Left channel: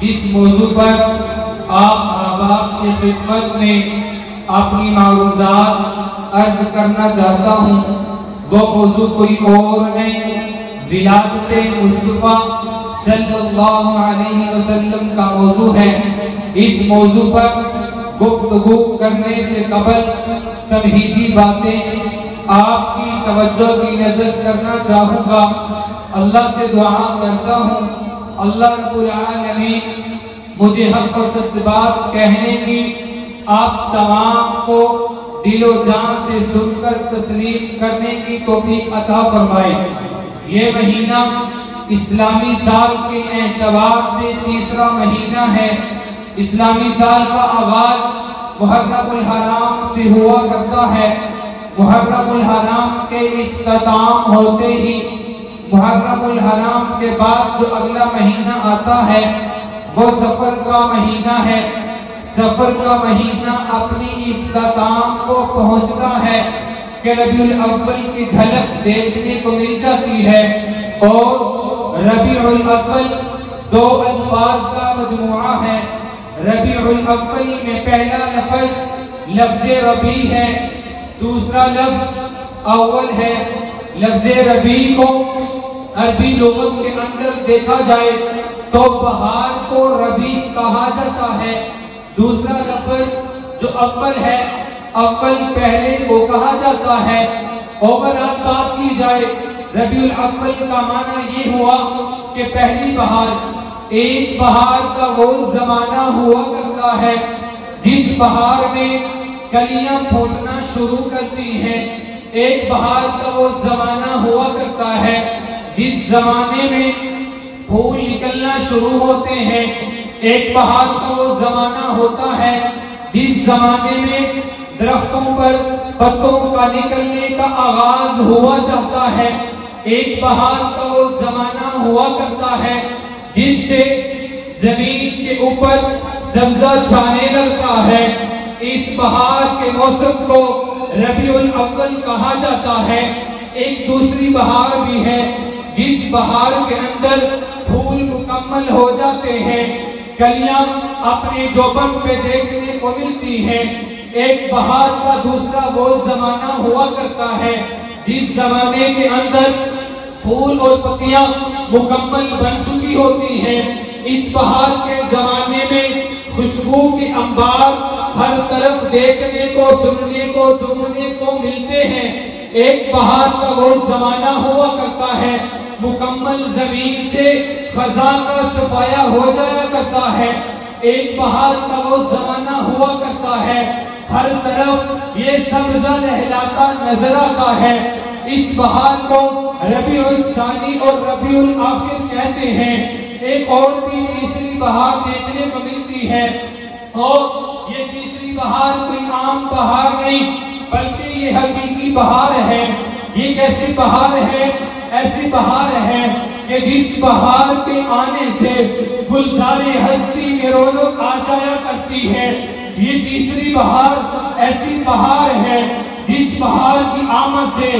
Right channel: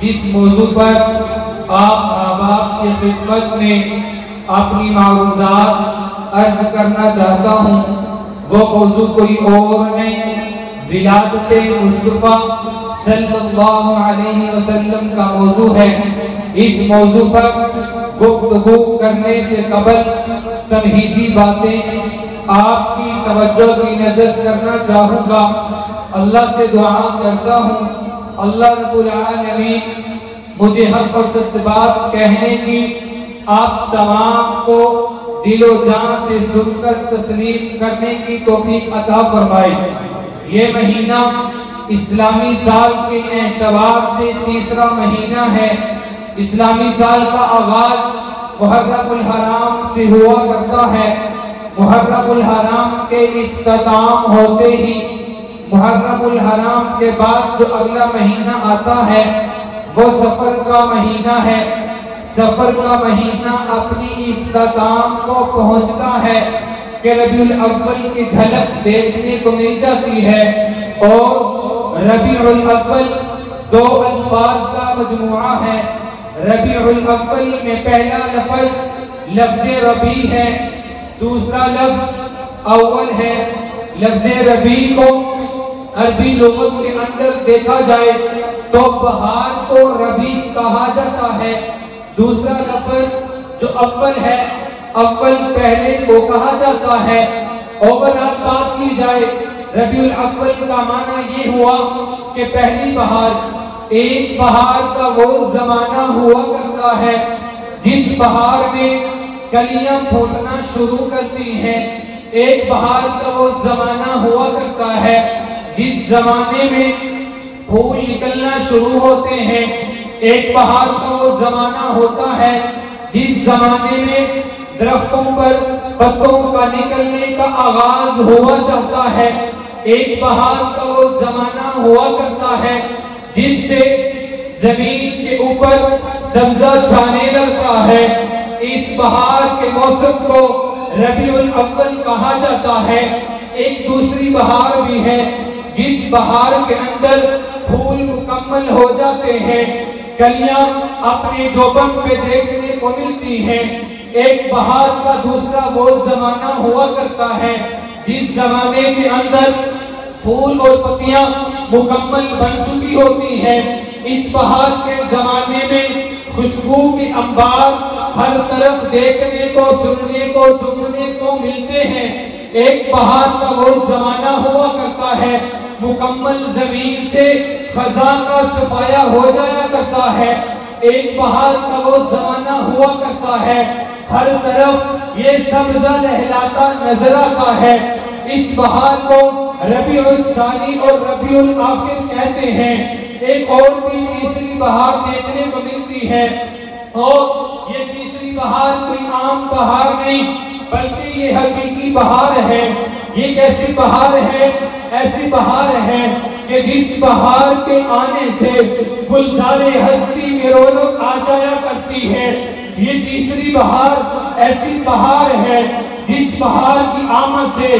جس موضوع پر آپ احباب کی خدمت میں اپنی معروضات عرض کرنا چاہتا ہوں، وہ موضوع کوئی اور نہیں، ولادت مصطفیٰ صلی اللہ علیہ وسلم کا موضوع ہے۔ اس موضوع پر گفتگو کرنے سے قبل تمہیدی باتیں آپ کی توجہ کی نظر کرنا چاہوں گا۔ اللہ سے دعا کرتا ہوں اللہ رب العالمین مجھے حق اور سچ بات کہنے کی آپ تمام کو دل و جان سے سن کر تسلیم کرنے کی توفیق عطا فرمائے۔ یہ مہینہ اسلامی سال کے اعتبار سے تیسرا مہینہ ہے۔ اسلامی سال کا آغاز محرم الحرام سے ہوا کرتا ہے۔ محرم الحرام کے اختتام ہوتے ہی محرم الحرام کے بعد جو اگلا مہینہ آتا ہے وہ سفر کا مہینہ ہے۔ سفر کا مہینہ اپنی اختتام کو پہنچتا ہے کہ ربیع الاول کی جھلک دیکھنے کو مل جاتی ہے، اور ربیع الاول دو الفاظ کا مجموعہ ہے۔ ربیع الاول میں پہلا لفظ لفظ ربیع ہے، دوسرا لفظ اول ہے۔ لفظ ربیع کو عربی لغت کے اندر دیکھا جائے تو بہار کو ربیع کہا جاتا ہے۔ دوسرا لفظ جو اول ہے، اول پہلے کو کہا جاتا ہے۔ اوورآل بات کی جائے ربیع الاول کا معنی یہ ہوا کہ پہلی بہار۔ ایک بہار کا وہ زمانہ ہوا کرتا ہے جس بہار میں کلیاں پھوٹنا شروع کرتی ہیں۔ ایک بہار کا وہ زمانہ ہوا کرتا ہے جس زمانے میں پھول نکلنا شروع ہوتے ہیں۔ ایک بہار کا وہ زمانہ ہوتا ہے جس زمانے میں درختوں پر پتوں کا نکلنے کا آغاز ہوا جاتا ہے۔ ایک بہار کا وہ زمانہ ہوا کرتا ہے جس سے زمین کے اوپر سبزہ چھانے لگتا ہے۔ اس بہار کے موسم کو ربیع الاول کہا جاتا ہے۔ ایک دوسری بہار بھی ہے جس بہار کے اندر پھول مکمل ہو جاتے ہیں، کلیاں اپنے جوبن پہ دیکھنے کو ملتی ہیں۔ ایک بہار کا دوسرا وہ زمانہ ہوا کرتا ہے جس زمانے کے اندر پھول اور پتیاں مکمل بن چکی ہوتی ہیں۔ اس بہار کے زمانے میں خوشبو کے انبار ہر طرف دیکھنے کو سننے کو ملتے ہیں۔ ایک بہار کا وہ زمانہ ہوا کرتا ہے مکمل زمین سے خزاں کا صفایا ہو جایا کرتا ہے۔ ایک بہار کا وہ زمانہ ہوا کرتا ہے ہر طرف یہ سبزہ لہلاتا نظر آتا ہے۔ اس بہار کو ربیع الثانی اور ربیع الآخر کہتے ہیں۔ ایک اور بھی تیسری بہار دیکھنے کو ملتی ہے، اور یہ تیسری بہار کوئی عام بہار نہیں بلکہ یہ حقیقی بہار ہے۔ یہ کیسی بہار ہے؟ ایسی بہار ہے کہ جس بہار کے آنے سے گلزار ہستی میں رونق آ جایا کرتی ہے۔ یہ تیسری بہار ایسی بہار ہے جس بہار کی آمد سے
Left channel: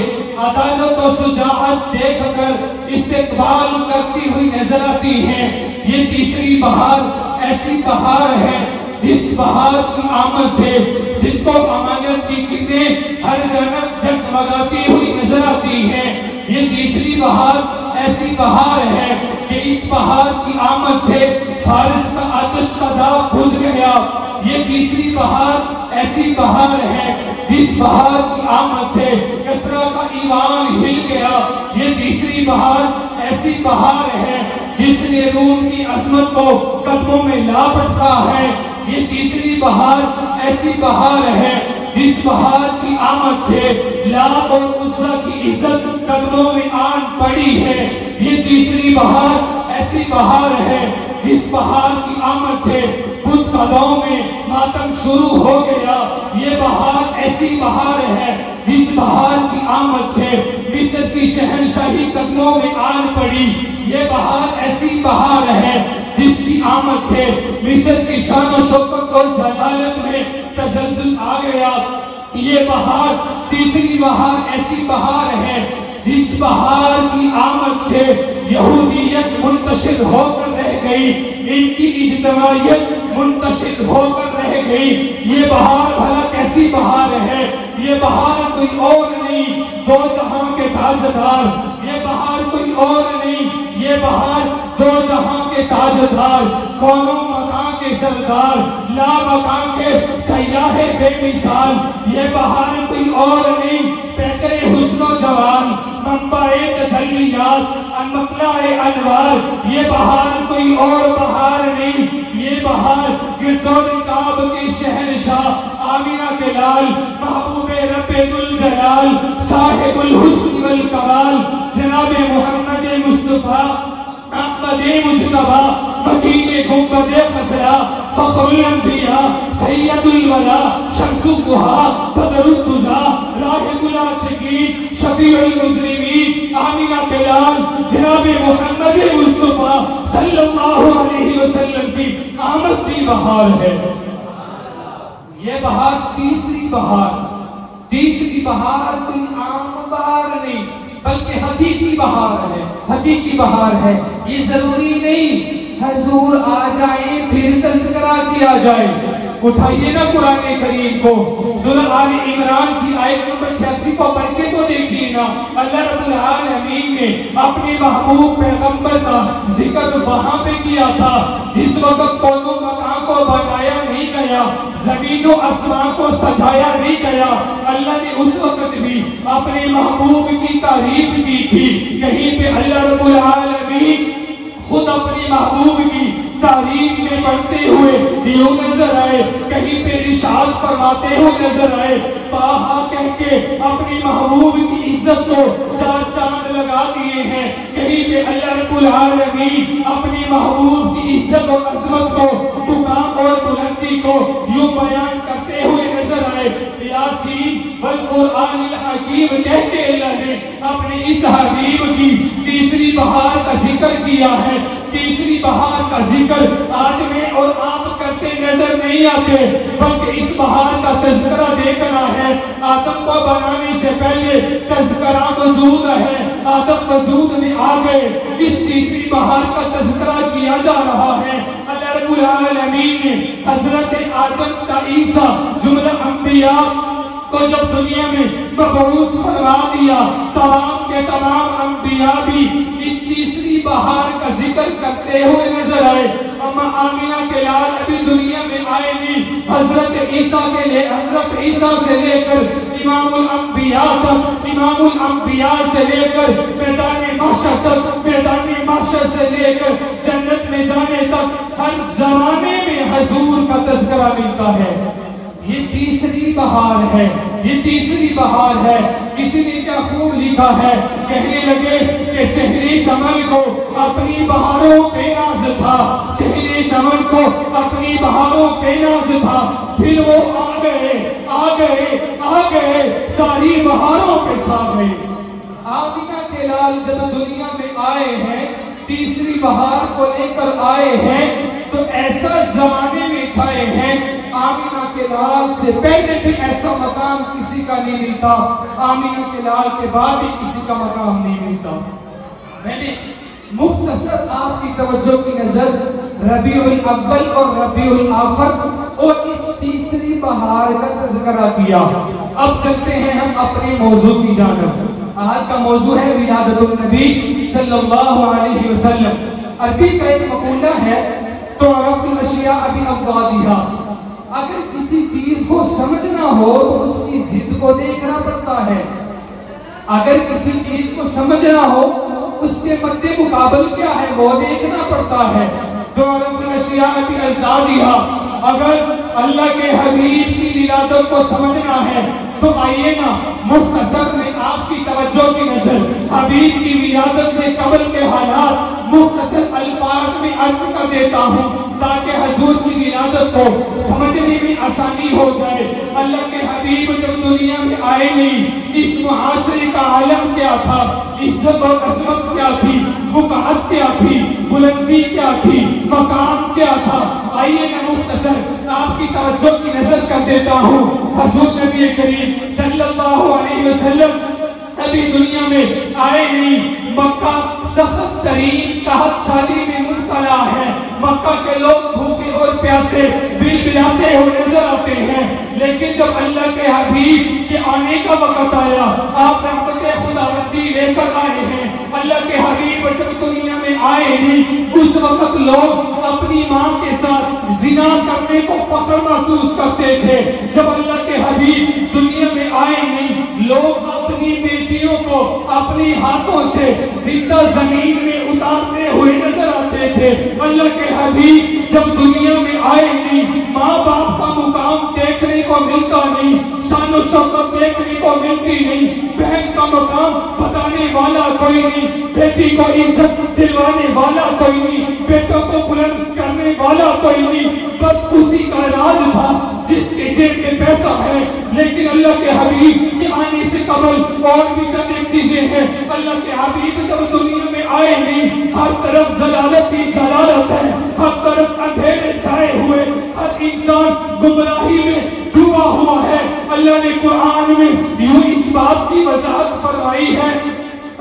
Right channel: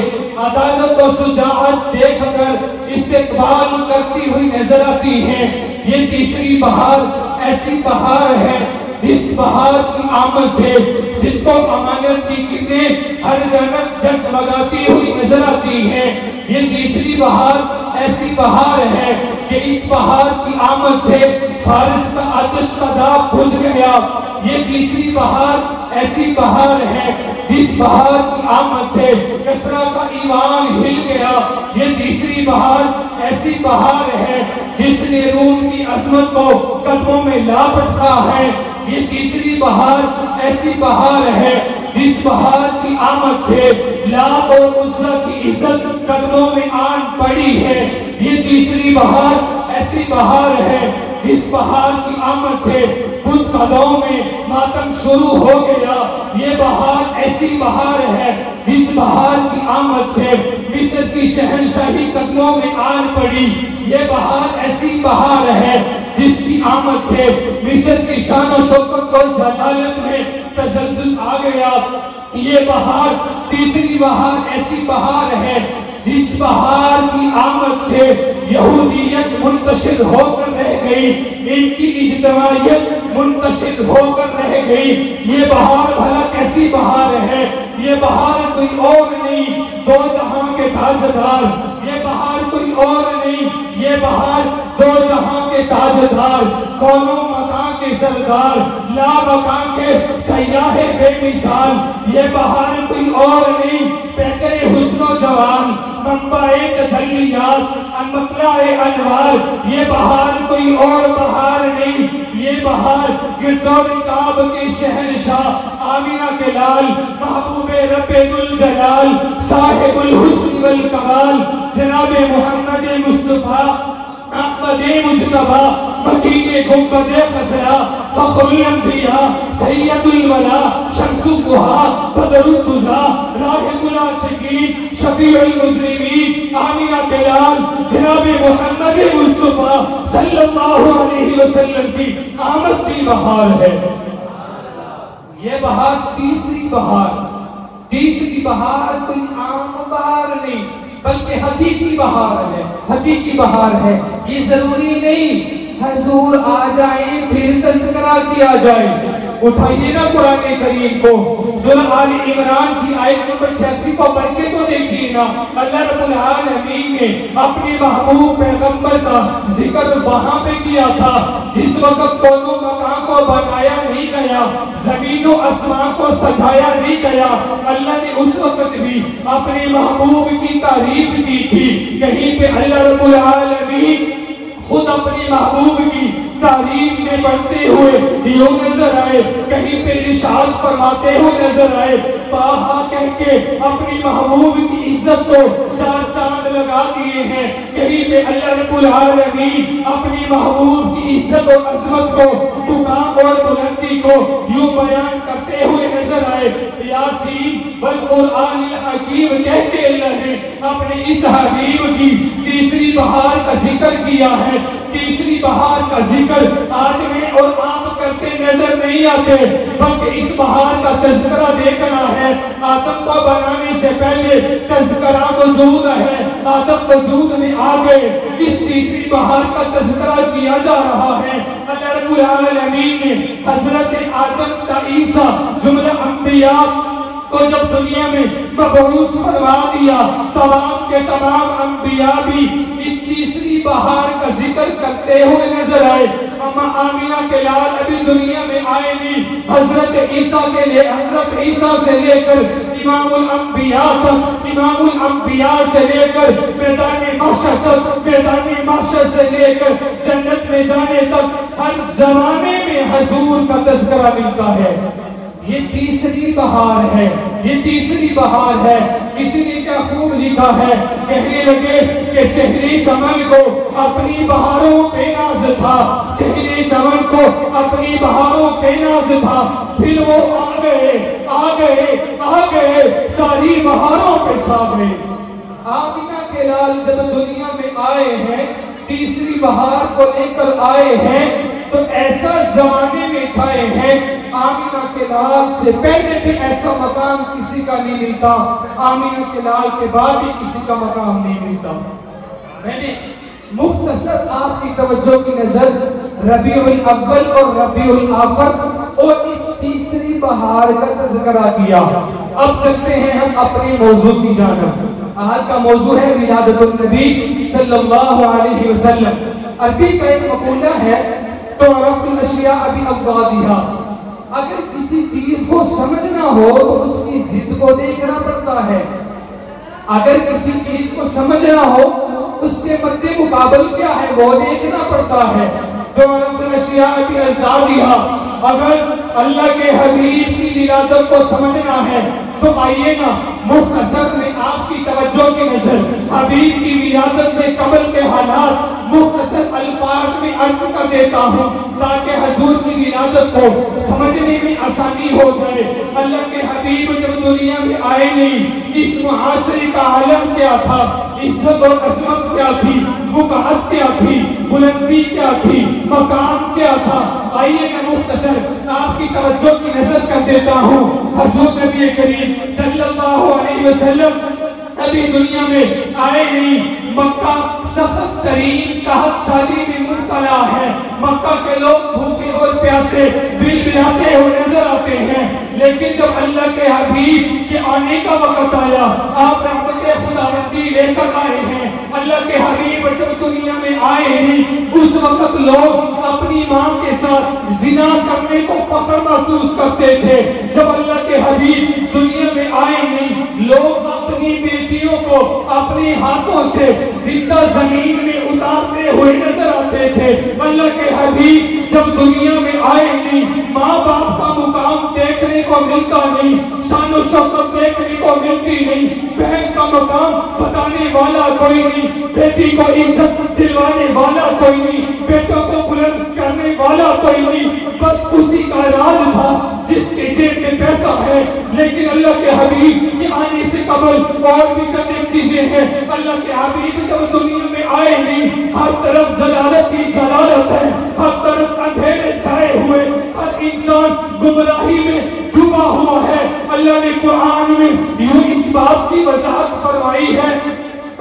عدالت و شجاعت دیکھ کر استقبال کرتی ہوئی نظر آتی ہے۔ یہ تیسری بہار ایسی بہار ہے جس بہار کی آمد سے صدق و امانت کی کرنیں ہر جانب جگمگاتی ہوئی نظر آتی ہے۔ یہ تیسری بہار ایسی بہار ہے کہ اس بہار کی آمد سے فارس کا آتش کا داغ بجھ گیا۔ یہ تیسری بہار ایسی بہار ہے جس بہار کی آمد سے کسرا کا ایمان ہل گیا۔ یہ تیسری بہار ایسی بہار ہے جس نے روم کی عظمت کو قدموں میں لا بٹھا ہے۔ یہ تیسری بہار ایسی بہار ہے جس بہار کی آمد سے لات اور عزا کی عزت قدموں میں آن پڑی ہے۔ یہ تیسری بہار ایسی بہار ہے جس بہار کی آمد سے خود قدموں میں ماتم شروع ہو گیا۔ یہ بہار ایسی بہار ہے جس بہار کی آمد سے مصر کی شہنشاہی قدموں میں آن پڑی۔ یہ بہار ایسی بہار ہے جس کی آمد سے مصر کی شان و شوکت اور جلالت میں تزلزل آ گیا۔ یہ بہار تیسری بہار ایسی بہار ہے جس بہار کی آمد سے یہودیت منتشر ہو کر رہ گئی، ان کی اجتماعیت منتشر ہو کر رہ گئی۔ یہ بہار بھلا کیسی بہار ہے؟ یہ بہار کوئی اور نہیں، دو جہاں کے تاجدار۔ یہ بہار کوئی اور نہیں، یہ بہار دو جہاں کے تاجدار، کونوں مکان کے سردار، لا مکان کے سیاح بے مثال۔ یہ بہار کوئی اور نہیں، پیکر حسن و جوان، منبع تجلیات، مطلع انوار۔ یہ بہار کوئی اور بہار نہیں، یہ بہار گرد و رکاب کے شہنشاہ، آمینہ کے لال، محبوب رب ذوالجلال، صاحب الحسن والکمال، جناب محمد مصطفیٰ احمد مجتبیٰ، مدینے گنبد خضرا، فخر الانبیاء، سید الورا، شمس الضحیٰ، بدر الدجیٰ، راحم العاشقین، شفیع المذنبین، آمینہ کے لال، جناب محمد مصطفیٰ صلی اللہ علیہ وسلم کی آمد کی بہار ہے۔ یہ بہار تیسری بہار، تیسری بہار کوئی عام بہار نہیں بلکہ حقیقی بہار ہے، حقیقی بہار ہے۔ یہ ضروری نہیں حضور آ جائیں پھر تذکرہ کیا جائے۔ اٹھائیے نا قرآن کریم کو، سورہ آل عمران کی آیت نمبر 86 کو پڑھ کے تو دیکھیے گا، اللہ رب العالمین نے اپنے محبوب پیغمبر کا ذکر وہاں پہ کیا تھا جس وقت کونوں مکان کو بنایا نہیں گیا، زمین و آسمان کو سجایا نہیں گیا۔ اللہ نے اس وقت بھی اپنے محبوب کی تعریف کی تھی۔ کہیں پہ اللہ رب العالمین خود اپنے محبوب کی تعریف میں بڑھتے ہوئے یوں نظر آئے، کہیں پہ ارشاد فرماتے ہوئے نظر آئے، طٰہٰ کہہ کے اپنی محبوب کی عزت کو چار چاند لگا دیے ہیں۔ کہیں پہ اللہ رب العالمین اپنی محبوب کی عزت اور عظمت کو، مقام اور بلندی کو یوں بیان کرتے ہوئے نظر آئے۔ یاسین والقرآن الحکیم کہہ کے اللہ نے اپنے اس حبیب کی تیسری بہار کا ذکر کیا ہے۔ تیسری بہار کا ذکر آج میں اور آپ کرتے نظر نہیں آتے، بلکہ اس بہار کا تذکرہ دیکھنا ہے۔ آدم کو بنانے سے پہلے تذکرہ موجود ہے، آدم وجود میں آ گئے، اس تیسری بہار کا تذکرہ کیا جا رہا ہے۔ اللہ رب العالمین نے حضرت آدم کا عیسیٰ جملہ انبیاء کو جب دنیا میں مبعوث فرما دیا، تمام کے تمام انبیاء بھی اس تیسری بہار کا ذکر کرتے ہوئے نظر آئے۔ اما آمینہ کے لال ابھی دنیا میں آئے نہیں، حضرت عیسیٰ کے لیے، حضرت عیسیٰ سے لے کر امام الانبیاء تک، امام الانبیاء سے لے کر میدان محشر تک، میدان محشر سے لے کر جنت میں جانے تک ہر زمانے میں حضور کا تذکرہ ملتا ہے۔ یہ تیسری بہار ہے، یہ تیسری بہار ہے۔ کسی نے کیا خوب لکھا ہے، کہنے لگے کہ سحری چمن کو اپنی بہاروں پہ ناز تھا، سحری چمن کو اپنی بہاروں پہ ناز تھا، پھر وہ آ گئے آ گئے آ گئے، ساری بہاروں پہ چھا گئے۔ آمینہ کے لال جب دنیا میں آئے ہیں، تیسری بہار کو لے کر آئے ہیں، تو ایسا زمانے میں چھائے ہیں، آمینہ کے لال سے پہلے بھی ایسا مقام کسی کا نہیں ملتا، آمینہ کے لال کے بعد بھی کسی کا مقام نہیں ملتا۔ میں نے مختصر آپ کی توجہ کی نظر ربیع الاول اور ربیع الآخر اور اس تیسری بہار کا تذکرہ کیا۔ اب چلتے ہیں ہم اپنے موضوع کی جانب۔ آج کا موضوع ہے ولادت النبی صلی اللہ علیہ وسلم۔ عربی کا ایک مقولہ ہے، تعرف الاشیاء بأبوابها۔ اگر کسی چیز کو سمجھنا ہو تو اس کی ضد کو دیکھنا پڑتا ہے، اگر کسی چیز کو سمجھنا ہو اس کے مد مقابل کیا ہے وہ دیکھنا پڑتا ہے۔ تعرف الاشیاء بأبوابها۔ اگر اللہ کے حبیب کی ولادت کو سمجھنا ہے تو آئیے نا مختصر میں آپ کی توجہ کی نظر حبیب کی ولادت سے قبل کے حالات مختصر الفاظ میں عرض کر دیتا ہوں تاکہ حضور کی ولادت کو سمجھنے میں آسانی ہو جائے۔ اللہ کے حبیب جب دنیا میں آئے نہیں، اس معاشرے کا عالم کیا تھا، عزت و عظمت کیا تھی، وقعت کیا تھی، بلندی کیا تھی، مقام کیا تھا، آئیے میں مختصر آپ کی توجہ کی نظر کر دیتا ہوں۔ حضور نبی کریم صلی اللہ علیہ وسلم کبھی دنیا میں آئے نہیں، مکہ سخت ترین قحط سالی میں مبتلا ہے، مکہ کے لوگ بھوکے اور پیاسے بل بلاتے ہوئے نظر آتے ہیں، لیکن جب اللہ کے حبیب کے آنے کا وقت آیا، آپ رحمت خداوندی لے کر آئے ہیں، اللہ کے حبیب جب دنیا میں آئے ہیں، اس وقت لوگ اپنی ماں کے ساتھ زنا کرنے کو فخر محسوس کرتے تھے۔ جب اللہ کے حبیب دنیا میں آئے ہیں، لوگ اپنی بیٹیوں کو اپنے ہاتھوں سے زندہ زمین میں اتارتے ہوئے نظر آتے تھے۔ اللہ کے حبیب جب دنیا میں آئے نہیں، ماں باپ کا مقام دیکھنے کو ملتا نہیں، شان و شوکت دیکھنے کو ملتی نہیں، بہن کا مقام بتانے والا کوئی نہیں، بیٹی کو عزت دلوانے والا کوئی نہیں، بیٹوں کو بلند کرنے والا کوئی نہیں، بس اسی کا راج تھا جس کے جیب میں پیسہ ہے۔ لیکن اللہ کے حبیب کے آنے سے قبل اور بھی چند ایک چیزیں ہیں۔ اللہ کے حبیب جب دنیا میں آئے نہیں، ہر طرف ضلالت ہی ضلالت ہے، ہر طرف اندھیرے چھائے ہوئے، ہر انسان گمراہی میں ڈوبا ہوا ہے۔ اللہ نے قرآن میں یوں اس بات کی وضاحت فرمائی ہے،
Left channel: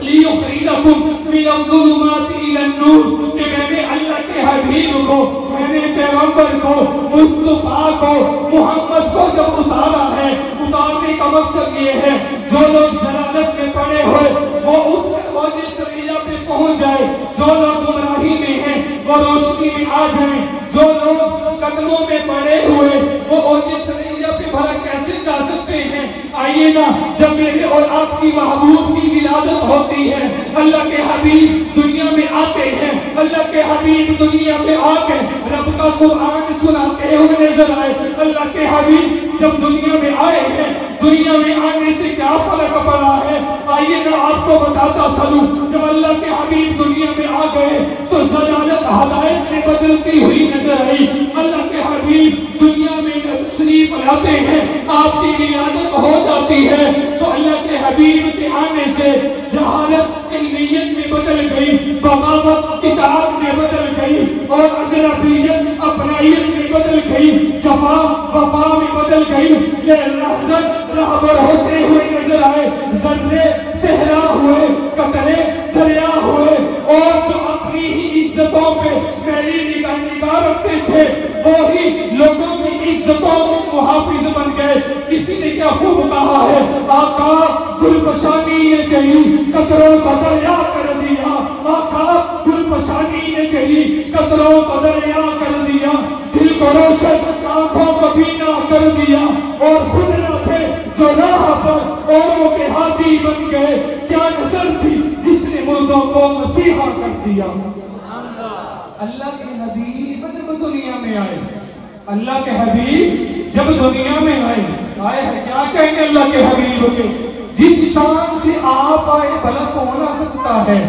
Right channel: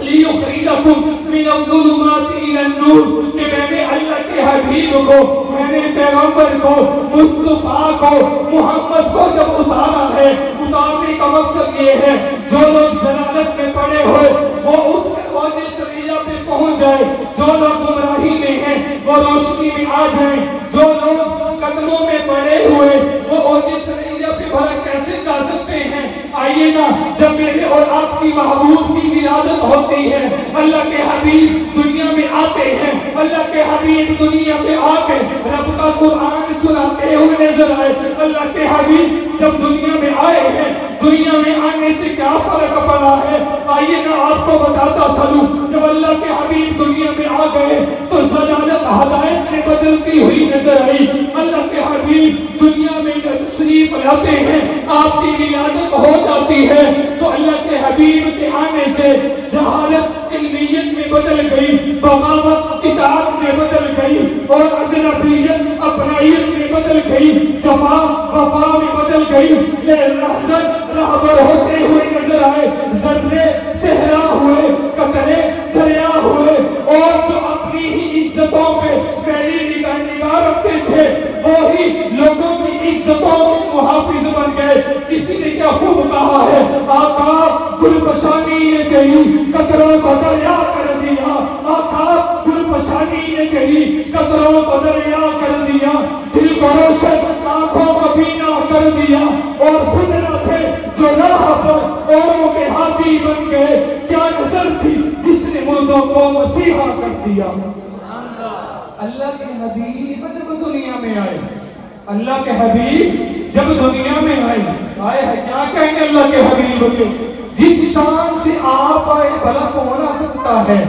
لِيُخْرِجَكُم مِّنَ الظُّلُمَاتِ إِلَى النُّورِ، کہ میں نے اللہ کے حبیب کو، میں نے پیغمبر کو، مصطفیٰ کو، محمد کو جب اتارا ہے، اتارنے کا مقصد یہ ہے جو لوگ ضلالت میں پڑے ہو وہ اٹھ کر موج شریعہ پہ پہنچ جائے، جو لوگ گمراہی میں ہیں وہ روشنی میں آ جائیں، جو لوگ قدموں میں پڑے ہوئے وہ موج شریعہ پہ بھلا کیسے جا سکتے ہیں؟ آئیے نا، جب میرے اور آپ کی محبوب کی ولادت ہوتی ہے، اللہ کے حبیب دنیا میں آتے ہیں، اللہ کے حبیب دنیا میں آ کے رب کا قرآن سناتے ہوئے نظر آئے۔ اللہ کے حبیب جب دنیا میں آئے ہیں، دنیا میں آنے سے کیا فرق پڑا ہے؟ آئیے میں آپ کو بتاتا چلوں، جب اللہ کے حبیب دنیا میں آ گئے تو ضلالت ہدایت میں بدلتی ہوئی نظر آئی۔ اللہ کے حبیب دنیا میں تشریف لاتے ہیں، آپ کی ولادت ہو جاتی ہے تو اللہ کے حبیب کے آنے سے جہالت علمیت میں بدل گئی، بغاوت اطاعت میں بدل گئی، اور اجنبیت اپنائیت میں بدل گئی، جفا وفا میں بدل گئی۔ یہ لحظت رہبر ہوتے ہوئے نظر آئے، ذرے صحرا ہوئے، قطرے دریا ہوئے، اور جو اپنی ہی عزتوں پہ میری نگاہ رکھتے تھے وہی لوگوں کی عزتوں کے محافظ بن گئے۔ کسی نے کیا خوب کہا ہے، آقا گلفشانی نے گئی قطروں کو دریا کر دیا، آقا گلفشانی نے گئی قطروں کو دریا کر دیا، دل کو روشن آنکھوں کو بینا کر دیا، اور خود نہ تھے جو راہ پر اوروں کے ہاتھی بن گئے۔ کیا نظر تھی جس نے مردوں کو مسیحا کر دیا؟ اللہ کے حبیب جب دنیا میں آئے، اللہ کے حبیب جب دنیا میں آئے کیا کہیں گے اللہ کے حبیب کے؟ جس شان سے آپ آئے بھلا کون آ سکتا ہے؟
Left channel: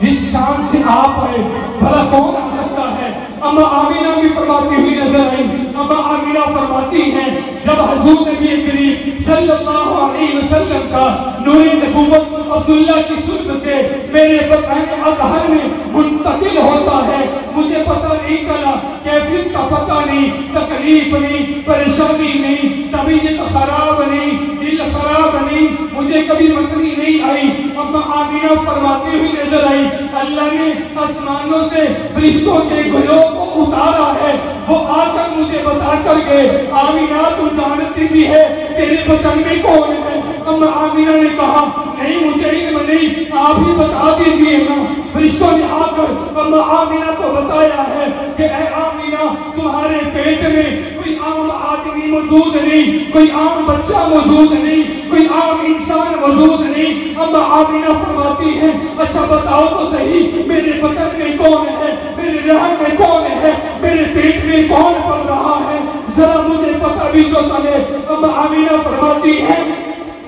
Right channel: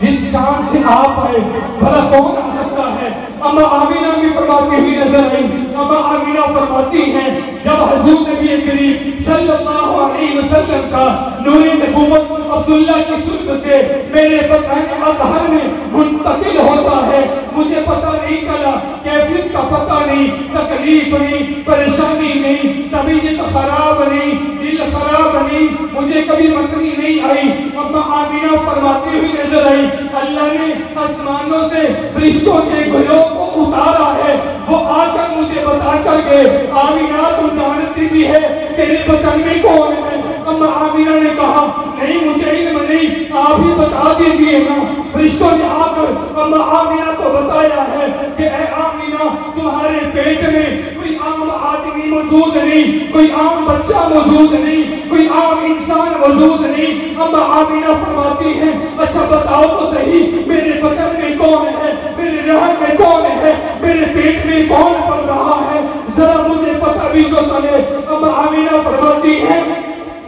جس شان سے آپ آئے بھلا کون آ سکتا ہے؟ اما آمینہ بھی فرماتی ہوئی نظر آئی، اما آمینہ فرماتی ہیں جب حضور نبی کریم صلی اللہ علیہ وسلم کا نور نبوت عبداللہ کی سنت سے میرے بطن اطہر میں منتقل ہوتا ہے، مجھے پتہ نہیں چلا، کیفیت کا پتہ نہیں، تکلیف نہیں، پریشانی نہیں، طبیعت خراب نہیں، دل خراب نہیں، مجھے کبھی مکری نہیں آئی۔ اما آمینہ فرماتی ہوئی نظر آئی، اللہ نے آسمانوں سے فرشتوں کے گھروں کو اتارا ہے، وہ آ کر مجھے بتا کر گئے، آمینہ تو جانتی بھی ہے تیرے بطن میں کون ہے؟ اما آمینہ نے کہا نہیں مجھے علم نہیں، آپ ہی بتا دیجیے نا۔ فرشتوں نے آ کر اما آمینہ کو بتایا ہے کہ اے آمینہ تمہارے پیٹ میں کوئی عام آدمی موجود نہیں، کوئی عام بچہ موجود نہیں، کوئی عام انسان موجود نہیں۔ اما آمینہ فرماتی ہے اچھا بتاؤ تو صحیح میرے بطن میں کون ہے، میرے رحم میں کون ہے، میرے پیٹ میں کون پڑ رہا ہے، ذرا مجھے پتہ بھی جو چلے۔ اما آمینہ فرماتی ہے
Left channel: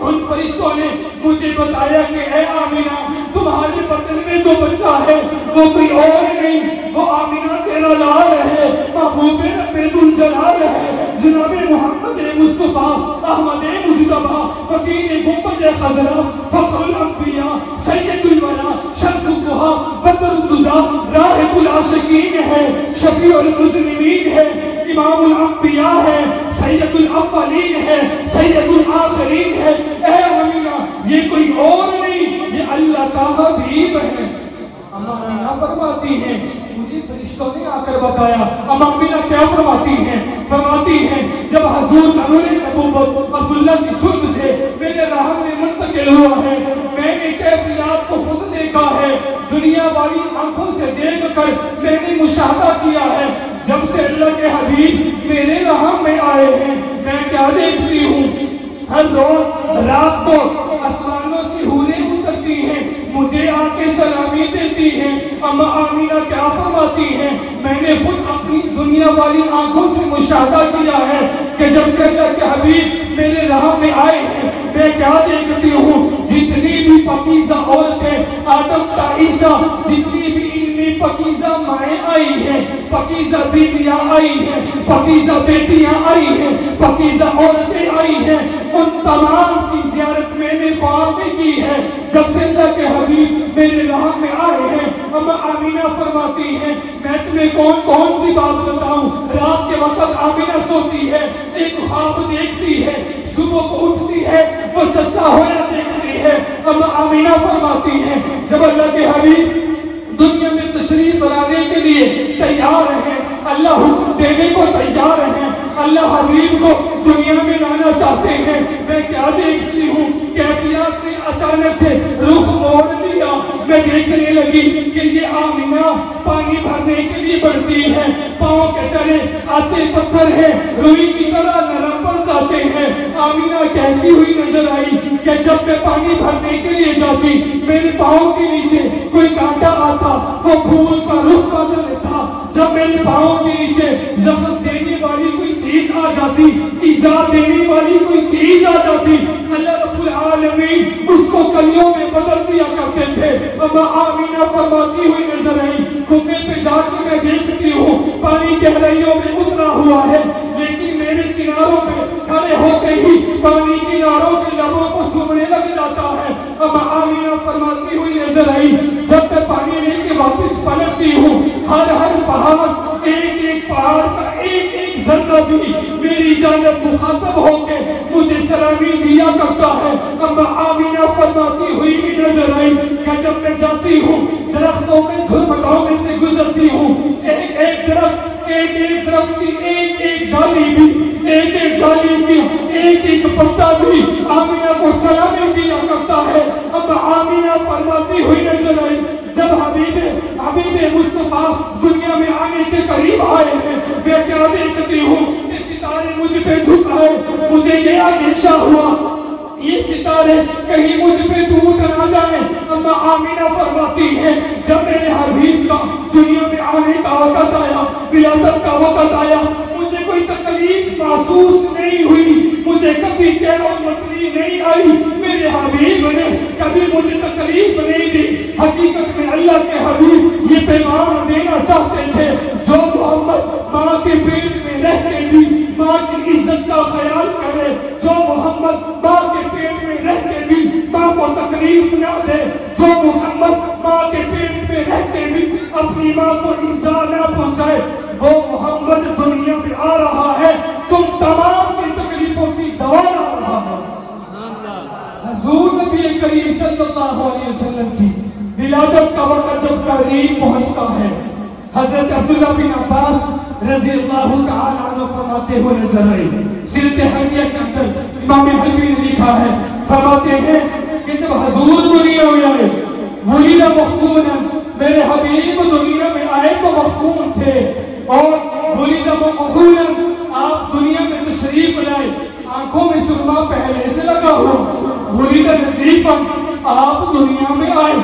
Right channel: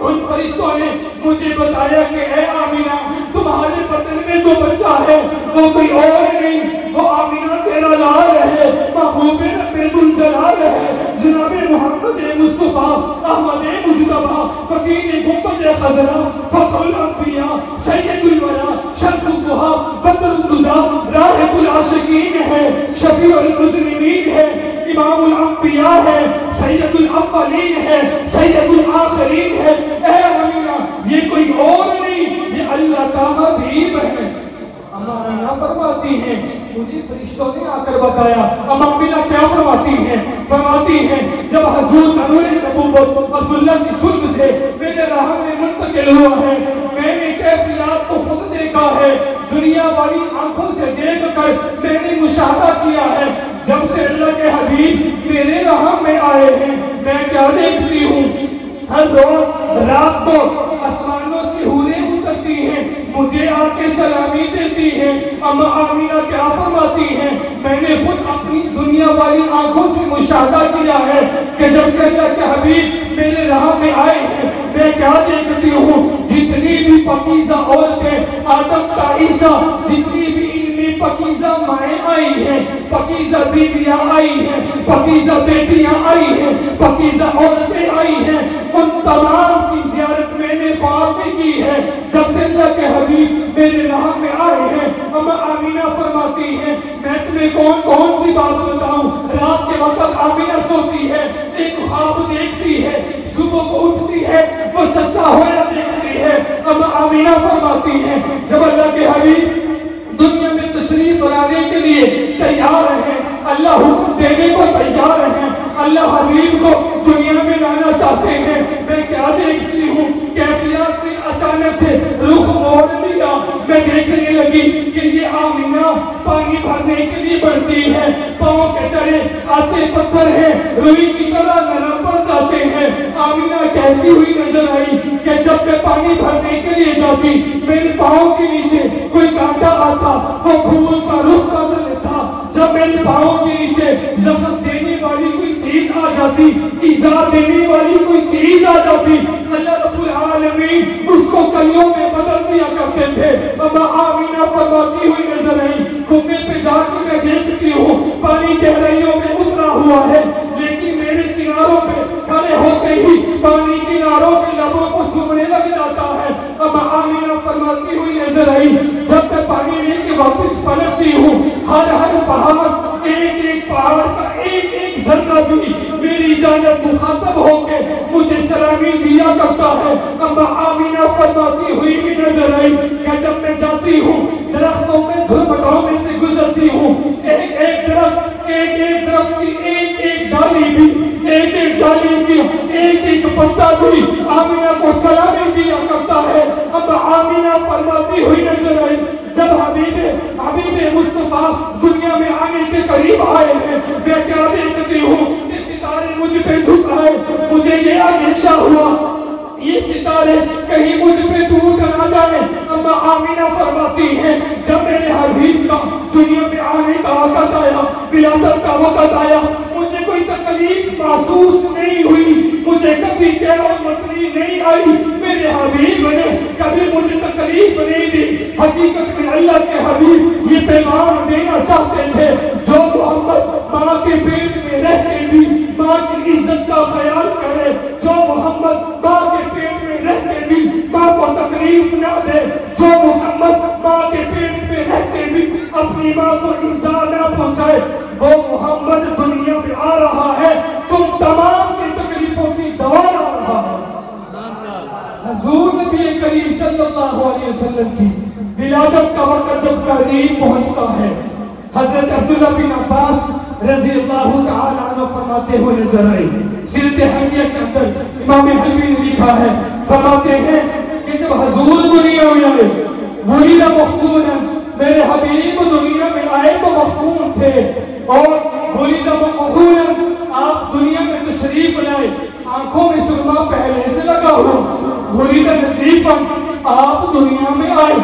ان فرشتوں نے مجھے بتایا کہ اے آمینہ تمہارے بطن میں جو بچہ ہے وہ کوئی اور نہیں، وہ آمینہ تیرا لال ہے، محبوب رب الجلال ہے، جناب محمد مصطفیٰ احمد مجتبیٰ وکیل گنبد خضرا فخر الانبیاء سید الورا شمس الضحیٰ بدر الدجیٰ راحب العاشقین ہے، شفیع المذنبین ہے، امام الانبیاء ہے، سید الاولین ہے، سید الآخرین ہے۔ اے آمینہ یہ کوئی اور نہیں، یہ اللہ کا حبیب ہے۔ آمینہ فرماتی ہے مجھے فرشتوں نے آ کر کے بتایا. اب آمینہ کیا فرماتی ہیں؟ فرماتی ہیں جب حضور نور نبوت عبداللہ کی سرد سے میرے راہ میں منتقل ہوا ہے، میں نے کیفیات کو خود دیکھا ہے، دنیا والی آنکھوں سے دیکھ کر میں نے مشاہدہ کیا ہے. جب سے اللہ کے حبیب میرے راہ میں آئے ہیں، میں کیا دیکھتی ہوں؟ ہر روز رات کو آسمانوں سے حوریں اترتی ہیں، مجھے آ کے سلامی دیتی ہیں. اما آمینہ کیا فرماتی ہیں؟ میں نے خود اپنی دنیا والی آنکھوں سے مشاہدہ کیا ہے کہ جب سے اللہ کے حبیب میرے راہ میں آئے ہیں، میں کیا دیکھتی ہوں؟ جتنی بھی پاکیزہ عورتیں آدم کا عیسیٰ، جتنی بھی ان میں پاکیزہ مائیں آئی ہیں، پاکیزہ بیویاں آئی ہیں، پاکیزہ بیٹیاں آئی ہیں، پاکیزہ عورتیں آئی ہیں، ان تمام کی زیارت میں نے خواب میں کی ہے جب سے اللہ کے حبیب میرے راہ میں آئے ہیں. اما آمینہ فرماتی ہیں میں تمہیں کون سی بات بتاؤں؟ رات کے وقت آمینہ سوتی ہے، ایک خواب دیکھتی ہے، صبح کو اٹھتی ہے، وہ سچا ہوا دیکھتی ہے. اما آمینہ فرماتی ہیں جب اللہ کے حبیب دنیا میں تشریف لانے کے لیے تیار ہیں، اللہ حکم دینے کو تیار ہیں، اللہ حبیب کو دنیا میں لانا چاہتے ہیں، میں کیا دیکھتی ہوں؟ کیفیات میں اچانک سے رخ موڑ لیا. میں دیکھنے لگی کہ یہ آمینہ پانی بھرنے کے لیے بڑھتی ہے، پاؤں کے تلے آتے پتھر ہیں، روئی کی طرح نرم پڑ جاتے ہیں. آمینہ کہتی ہوئی نظر آئی کہ جب میں پانی بھرنے کے لیے جاتی، میرے پاؤں کے نیچے کوئی کانٹا آتا، وہ پھول کا رخ بدل دیتا. جب میرے پاؤں کے نیچے زخم دینے والی کوئی چیز آ جاتی، ایذا دینے والی کوئی چیز آ جاتی، اللہ رب العالمین اس کو کلیوں میں بدل دیا کرتے تھے. اما آمینہ فرماتی ہوئی نظر آئی، کنویں پہ جا کے میں دیکھتی ہوں پانی گہرائیوں میں اترا ہوا ہے، لیکن میرے کناروں پہ کھڑے ہوتے ہی پانی کناروں کے لبوں کو چومنے لگ جاتا ہے. اما آمینہ فرماتی ہوئی نظر آئی جب میں پانی لے کے واپس پلٹتی ہوں، ہر پہاڑ ایک پہاڑ کا ایک ذرہ بھی میری جانب مخاطب ہو کے مجھے سلامی دیا کرتا ہے. اما آمینہ فرماتی ہوئی بھی نظر آئی کہ جب میں جاتی ہوں درختوں کے جھرمٹوں میں سے گزرتی ہوں، ایک درخت کی ایک ڈالی بھی، ایک ڈالی کی ایک پتا بھی آمینہ کو سلامی دیا کرتا ہے. اما آمینہ فرماتی ہوئی نظر آئی جب حبیب مصطفیٰ دنیا میں آنے کے قریب آئے ہیں، میں کیا دیکھتی ہوں؟ یہ ستارے مجھ پہ جھک رہے، مجھے یہ اندیشہ ہوا یہ ستارے کہیں مجھ پہ ٹوٹ نہ جائے. اما آمینہ فرماتی ہے جب میرے حبیب کا دنیا میں آنے کا وقت آیا، ولادت کا وقت آیا، مجھے کوئی تکلیف محسوس نہیں ہوئی، مجھے کبھی تکلیف نہیں آئی. میرے حبیب نے کبھی مجھے تکلیف نہیں دی. حقیقت میں اللہ کے حبیب یہ پیغام دینا چاہتے تھے جو محمد ماں کے پیٹ میں رہتے بھی ماں کی عزت کا خیال کرے، جو محمد ماں کے پیٹ میں رہتے بھی ماں کو تکلیف نہ دے، جو محمد ماں کے پیٹ میں رہتے بھی اپنی ماں کو ایذا نہ پہنچائے. وہ محمد دنیا میں آ رہا ہے، تم تمام کی تکلیفوں کی دوا لا رہا ہے. حضور نبی کریم صلی اللہ علیہ وسلم کی ولادت کا وقت جب قریب پہنچتا ہے، حضرت عبداللہ بن عباس رضی اللہ تعالی عنہ فرماتے ہوئے نظر آئی. سیرت حمیہ کے اندر امام حبیب نے لکھا ہے، فرماتے ہیں کہ جب حضور دنیا میں آئے ولد مفتونا، میرے حبیب دنیا میں آئے تو مفتون تھے، اور ولد مفتونا آپ دنیا میں تشریف لائے، آنکھوں میں سرما پہلے سے لگا ہوا، ولد نصیفا آپ دنیا میں آئے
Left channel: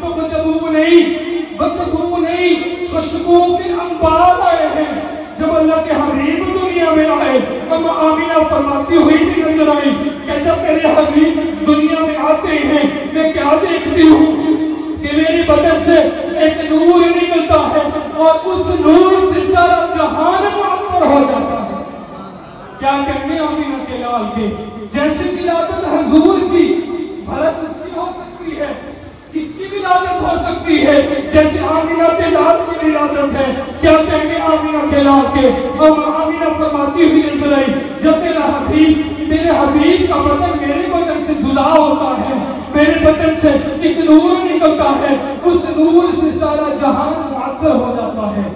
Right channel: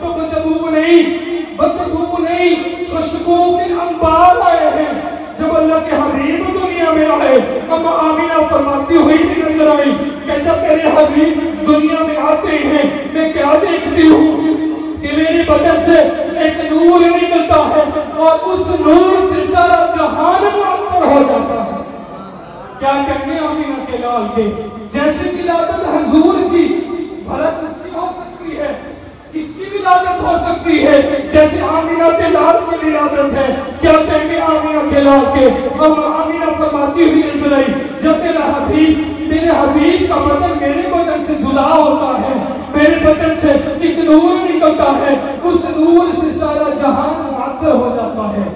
تو بدبو نہیں خوشبو کے انبار آئے ہیں. جب اللہ کے حبیب دنیا میں آئے، اما آمینہ فرماتی ہوئی بھی نظر آئی کہ جب میرے حبیب دنیا میں آتے ہیں، میں کیا دیکھتی ہوں کہ میرے بدن سے ایک نور نکلتا ہے اور اس نور سے سارا جہان معطر ہو جاتا ہے. کیا کہنے آمینہ کے لال کے جیسے ولادت حضور کی بھرت اس کی ہو سکتی ہے، اس کی ولادت ہو سکتی ہے جیسے آمینہ کے لال کی ولادت ہے. کیا کہنے آمینہ کے لال کے. اما آمینہ فرماتی ہوئی نظر آئی جب میرے حبیب کا بدن میرے بدن سے جدا ہوتا ہے، میرے بدن سے ایک نور نکلتا ہے، اس نور سے سارا جہان معطر ہو جاتا ہے.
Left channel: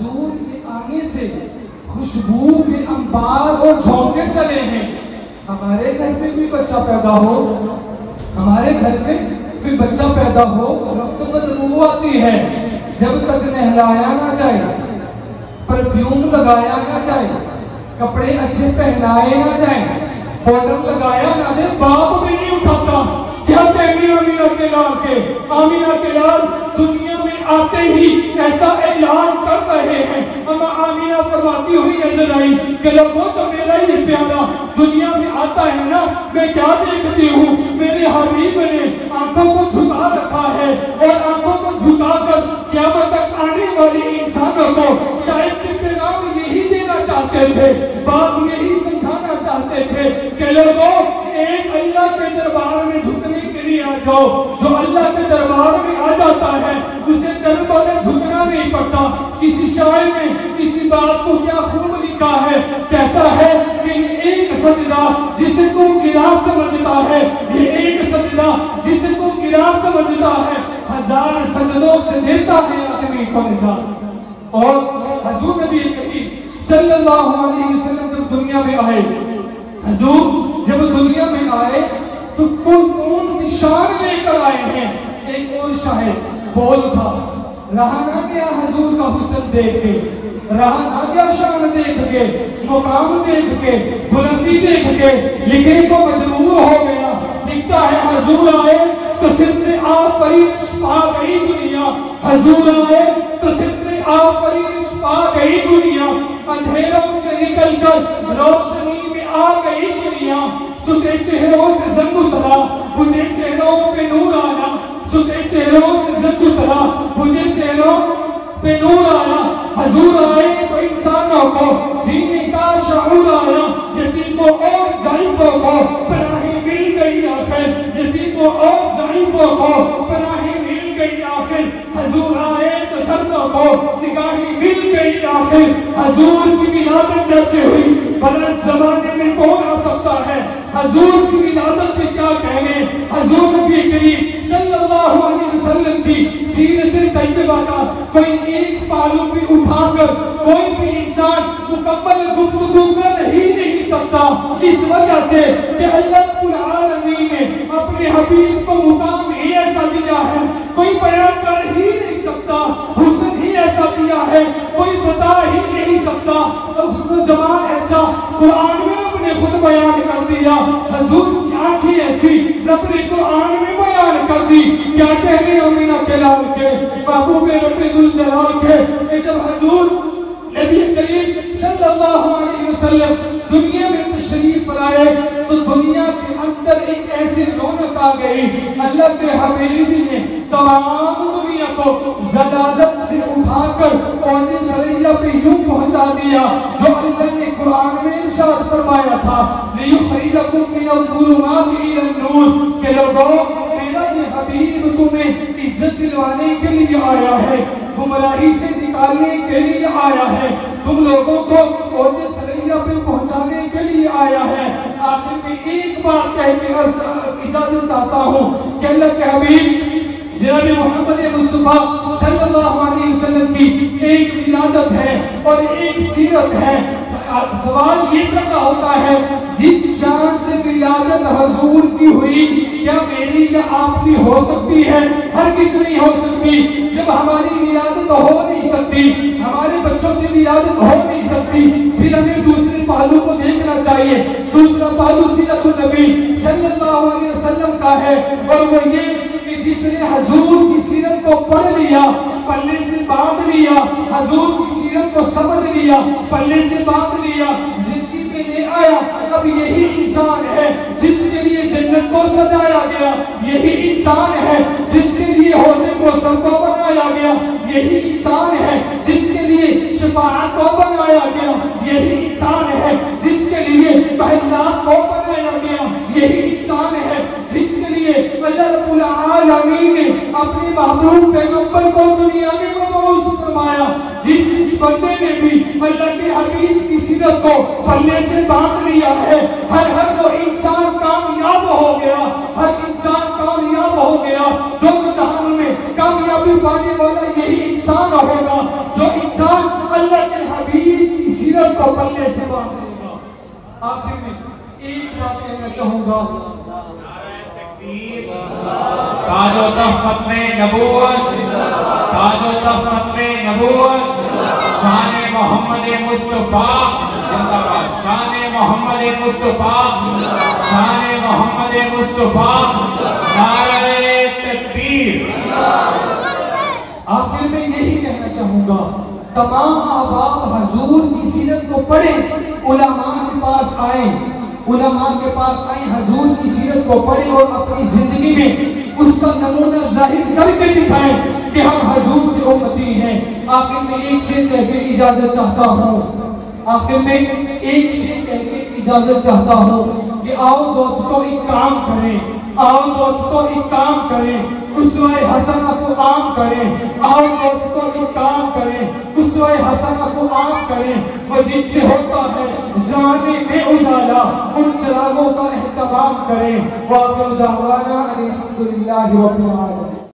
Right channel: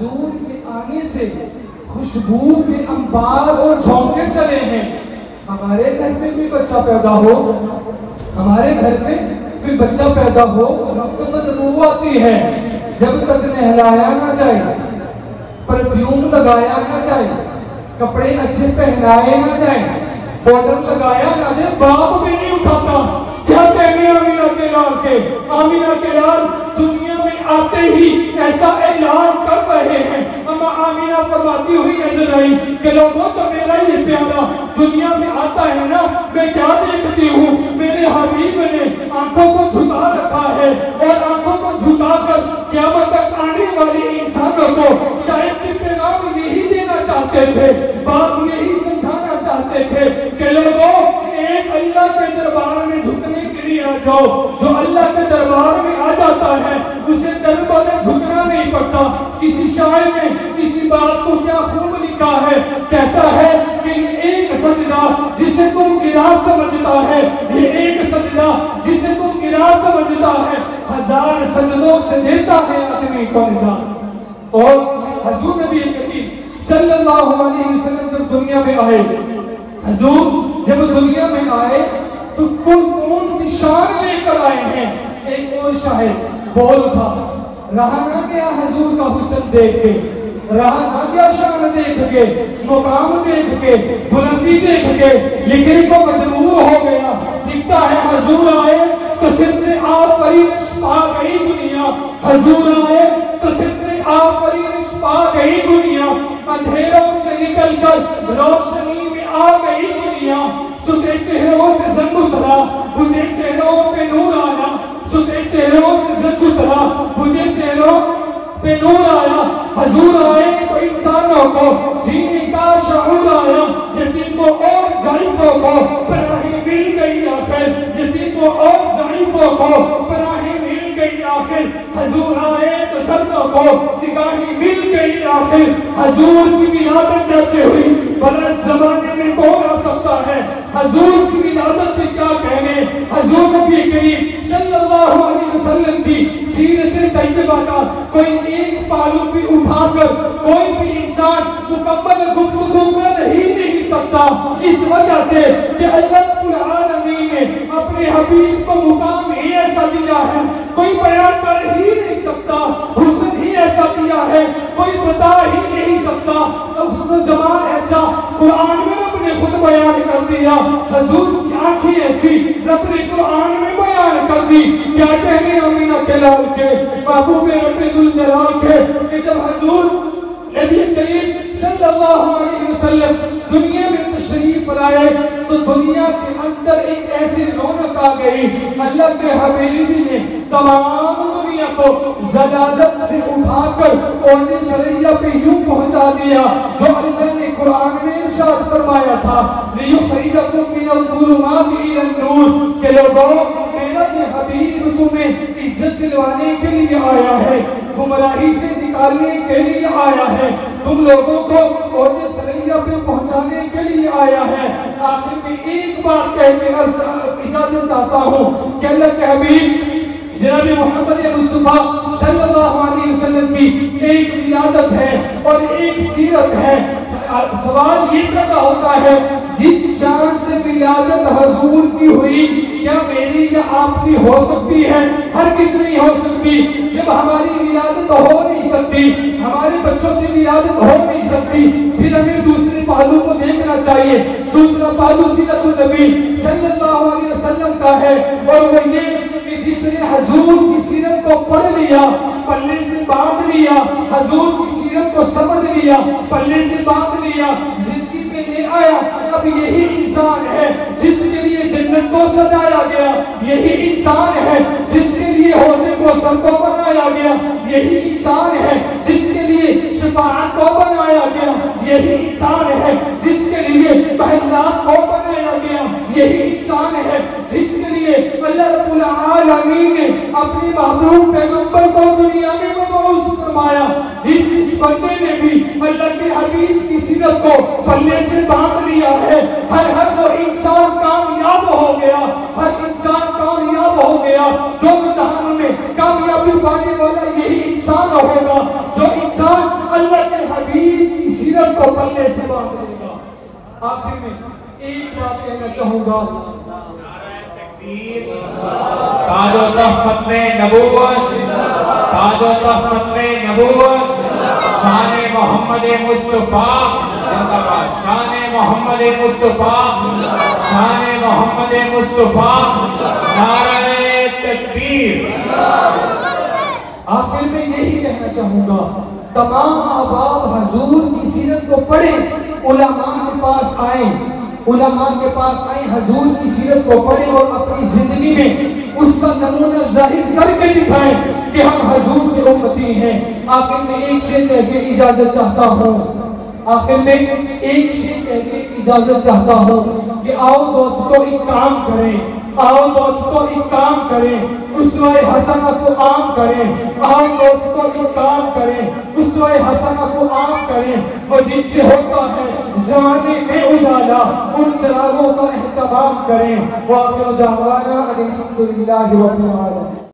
حضور کے آنے سے خوشبو کے انبار اور جھونکے چلے ہیں. ہمارے گھر میں کوئی بچہ پیدا ہو، ہمارے گھر میں کوئی بچہ پیدا ہو تو بدبو آتی ہے. جب تک نہلایا نہ جائے، پرفیوم لگایا نہ جائے، کپڑے اچھے پہنائے نہ جائے، پاؤڈر لگایا نہ جائے، باپ بھی نہیں اٹھاتا. کیا کہنے آمینہ کے لال کے، آمینہ کے لال دنیا میں آتے ہی ایسا اعلان کر رہے ہیں. اما آمینہ فرماتی ہوئی نظر آئی کہ لوگوں تو میرا ہی پیارا دنیا میں آتا ہے نا، میں کیا دیکھتی ہوں، میرے حبیب نے آنکھوں کو جھکا رکھا ہے اور آنکھوں کو جھکا کر قیامت تک آنے والی انسانوں کو شاید کہ پیغام یہی دینا چاہتے تھے، بات یہی سمجھانا چاہتے تھے کہ لوگوں ایک اللہ کے دربار میں جھکنے کے لیے آ جاؤ. جو اللہ کے دربار میں آ جاتا ہے اسے دربار میں جھکنا نہیں پڑتا. کسی شاعر نے کسی بات کو کیا خوب لکھا ہے، کہتا ہے کہ یہ ایک سجدہ جسے تم گرا سمجھتا ہے، یہ ایک سجدہ جسے تم گرا سمجھتا ہے، 1000 سجدوں سے دیتا ہے آدمی کو نجات. اور حضور نبی کریم صلی اللہ علیہ وسلم جب دنیا میں آئے، حضور جب دنیا میں آئے تو کون سی شان لے کر آئے ہیں. ایک اور شاعر بول تھا، رہا نہ گیا حضور کا حسن دیکھ کے، رہا نہ گیا شان دیکھ کے، مقام دیکھ کے، بلندی دیکھ کے، لکھنے کو مجبور ہو گیا. لکھتا ہے حضور آئے تو صرف نے آفرینش پا گئی دنیا، حضور آئے تو صرف نے آفرینش پا گئی دنیا. اندھیروں سے نکل کر روشنی میں آ گئی دنیا. ستھرے چہروں سے زنگ اترا، بجھے چہروں پہ نور آیا. ستھرے چہروں سے زنگ اترا، بجھے چہروں پہ نور آیا. حضور آئے تو انسانوں کو جینے کا شعور آیا. یتیموں اور ضعیفوں کو پناہ مل گئی آخر، یتیموں اور ضعیفوں کو پناہ مل گئی آخر. حضور آئے تو سردوں کو نگاہیں مل گئی آخر. حضور کی ولادت جیسے ہوئی بلے زمانے میں کون آ سکتا ہے. حضور کی ولادت کے کیا کہنے، حضور نبی کریم صلی اللہ علیہ وسلم کی سیرت طیبہ کا کوئی ایک پہلو بھی اٹھا کر کوئی بھی انسان مکمل گفتگو کر ہی نہیں سکتا. اس وجہ سے کہ اللہ رب العالمین نے اپنے حبیب کو مقام ہی ایسا دیا ہے کوئی بیان کر ہی نہیں سکتا. حسن ہی ایسا دیا ہے کوئی بتا ہی نہیں سکتا. اس نے زبان ایسا قرآن میں رب نے خود بیان کر دیا. حضور کی آنکھیں ایسی رب نے قرآن میں بیان کر دی. کیا کہنے آمینہ کے لال کے، ابو میں رب ذوالجلال کے، کہ جب حضور نبی کریم صلی اللہ علیہ وسلم دنیا میں تشریف لائے تو دنیا کے اندر ایک ایسی رونق آ گئی. اللہ کے حبیب نے تمام دنیا کو زلازت سے اٹھا کر اوج سریا پہ یوں پہنچا دیا جو اللہ نے قرآن میں ارشاد فرمایا تھا، لِيُخْرِجَكُم مِّنَ الظُّلُمَاتِ إِلَى النُّورِ، کہ لوگوں میرا یہ حبیب تمہیں عزت دلوانے کے لیے آیا ہے، گمراہی سے نکالنے کے لیے آیا ہے، تم لوگوں کو اوج سریا پہ پہنچانے کے لیے آیا ہے. آخر میں ایک بات کہہ کے اجازت چاہتا ہوں کہ اللہ کے حبیب جناب محمد مصطفیٰ صلی اللہ علیہ وسلم کی ایک ولادت ہے اور ایک سیرت ہے. سوال یہ پیدا ہوتا ہے جس شان سے ولادت حضور کی ہوئی کیا میری یا آپ کی ہو سکتی ہے؟ ہرگز نہیں ہو سکتی. جب ہماری ولادت ہو نہیں سکتی، ہمارے بچوں کی ولادت ہو نہیں سکتی، پھر ہمیں دوسرے پہلو کو دیکھنا چاہیے. دوسرا پہلو سیرت النبی صلی اللہ علیہ وسلم کا ہے اور وہ یہ کہ جس نے حضور کی سیرت کو پڑھ لیا، پلے سے باندھ لیا، حضور کی سیرت کو سمجھ لیا، پلے سے باندھ لیا، زندگی میں لے آیا، اب یہی انسان ہے جس کے لیے جنت کو سجایا گیا، یہی انسان ہے جس کے لیے حوض کوثر کو بنایا گیا، یہی انسان ہے جس کے لیے شفاعت کو بنایا گیا، یہی انسان ہے جس کے لیے مہنات کو بنایا گیا، یہی انسان ہے جس کے لیے اللہ رب العالمین نے اپنے محبوب پیغمبر کو دنیا میں مبعوث فرمایا. جس بندے نے بھی اللہ کے حبیب کی سیرت کو پلے سے باندھ لیا ہے، ہر وہ انسان کامیاب ہو گیا، ہر انسان کامیاب ہو گیا. دونوں جہان میں کامیابی پانے والا یہی انسان ہوگا جو انسان پلے سے بات کرے گا. آخر میں ایک بات کہنا چاہوں گا. تاج و تخت ختم نبوت، تاج و تخت ختم نبوت، شان محمد مصطفیٰ زندہ باد، شان محمد مصطفیٰ، شان محمد مصطفیٰ، نعرہ تکبیر. آخر میں یہی کہنا چاہوں گا، تمام احباب حضور کی سیرت کو پڑھیں، علماء کے پاس آئیں، علماء کے پاس آئیں، حضور کی سیرت کو پڑھیں اور اپنی زندگی میں اس کا نمونہ ظاہر کر کے دکھائیں کہ ہم حضور کے امتی ہیں. آخر میں ایک شعر کہہ کے اجازت چاہتا ہوں، آخر میں ایک شعر کہہ کے اجازت چاہتا ہوں کہ آؤ دوستو ایک کام کریں، آؤ دوستو ایک کام کریں، اسوہ حسنہ کو عام کریں، آؤ دوستو ایک کام کریں، اسوہ حسنہ کو عام کریں. وہ جن سے ہوتا ہے زمانے میں اجالا، ان چراغوں کا اہتمام کریں. وآخر دعوانا الحمدللہ رب العالمین.